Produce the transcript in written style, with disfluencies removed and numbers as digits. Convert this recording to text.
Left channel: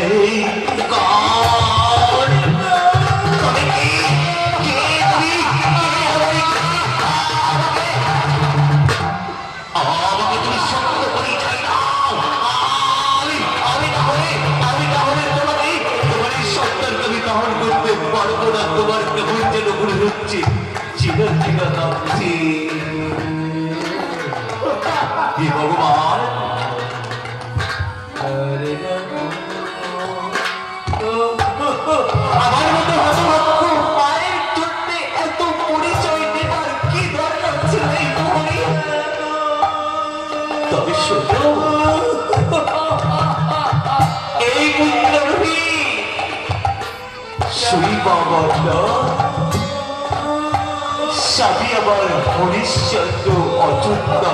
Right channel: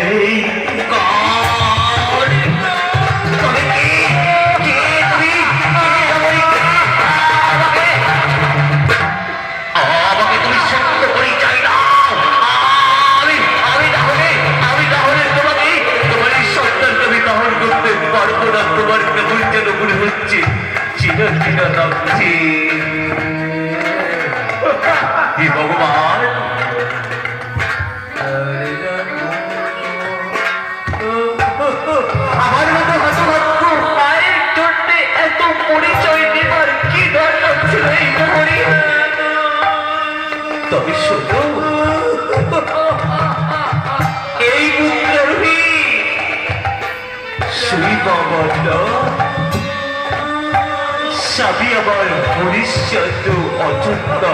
এই কার তুমি কে তুমি আমাকে তুমি সত্য পরিচয় দাও। আমি তাহলে তোমাকে তোমার এই সন্তানকে আমি গ্রহণ করতে পারবো না। তোমার কেমন যেন মনে হচ্ছে চিরচির লাগছে। হে ভগবান, আমার মতো হতভাগ্য মায়ের জন্য এত পরিচয় নেবার কি দরকার ছিল এই মোহরে? তবে শোনো, এই পুত্রহী সেই বাবার নাম স্বামী আমার হরিশ্চন্দ্র অযোধ্যা।